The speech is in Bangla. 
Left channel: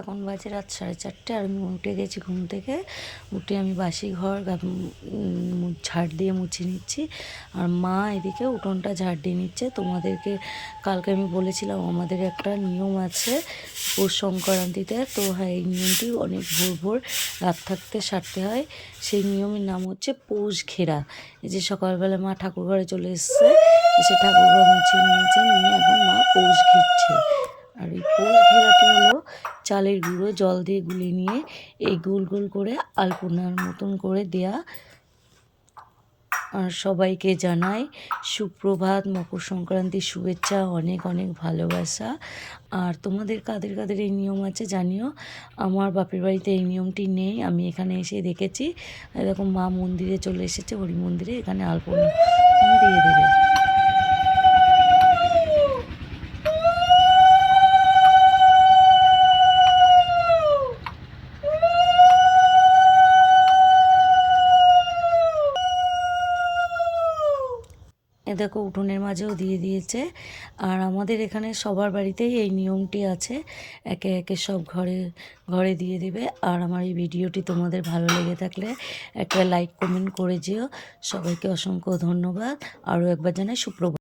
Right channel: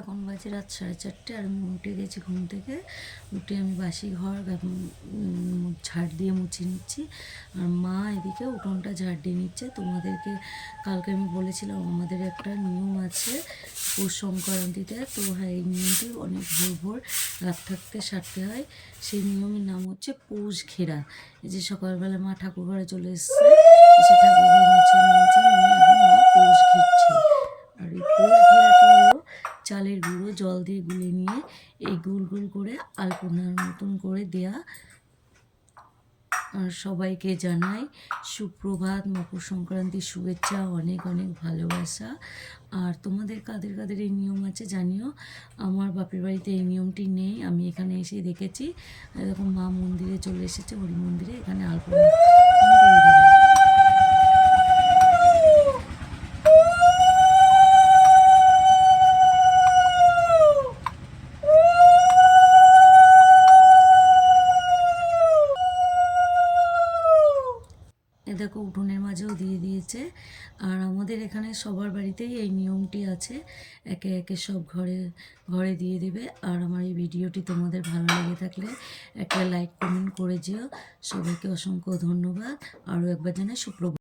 এখন বাজে রাত 4:30 আর আমি উঠে গেছি ঘুম থেকে। উঠে আমি বাসি ঘর ঝাড় দিয়ে মুছে নিচ্ছি, আর মা এদিকে উঠোনটা ঝাড় দিয়ে নিচ্ছে। তোমাদেরকে কালকে আমি বলেছিলাম আমাদের একটা নিয়ম আছে পৌষ সংক্রান্তিতে, তো হ্যাঁ এই নিয়মটি অনেক ভোর ভোর রাত থাকতে সারতে হয়। সেই নিয়মের নাম হচ্ছে পৌষ ঘেরা। এই যে সকালবেলা মা ঠাকুর ঘরে চলে এসছে, এসে ঠাকুর ঘর মুছে নিয়েছে, নিয়ে এখন মা পৌষ ঘিরছে। আর এই পৌষ ঘেরাটি হলো চালের গুঁড়ো জল দিয়ে গুলে নিয়ে এই গোল গোল করে আলপনার মতন করে দেয়া। আর সবাইকে জানাই সুপ্রভাত, মকর সংক্রান্তির শুভেচ্ছা, অনেক অনেক ভালোবাসা। আর তোমাদের কাদের কাদের এই নিয়ম আছে জানিও। আমার বাপের বাড়িতে এই নিয়মটি নেই, আমি এখানে এসে দেখেছি। এরকম মা মন্দিরে চলে এসেছে, হরি মন্দিরে, এখানে আলপনা দিয়ে দেবে। এ দেখো উঠোনের মাঝেও দিয়ে দিয়েছে। আর আমাদের এখানে সবার বাড়িতেই এই নিয়মটি আছে, একে একে সব ঘরে ঘরে দিয়ে দিবে। আর আমার এই ভিডিওটি তোমাদের ভালো লেগে থাকলে একটা লাইক কমেন্ট করে যেও। সবাইকে অসংখ্য ধন্যবাদ। আরও একবার জানাই সুপ্রভাত।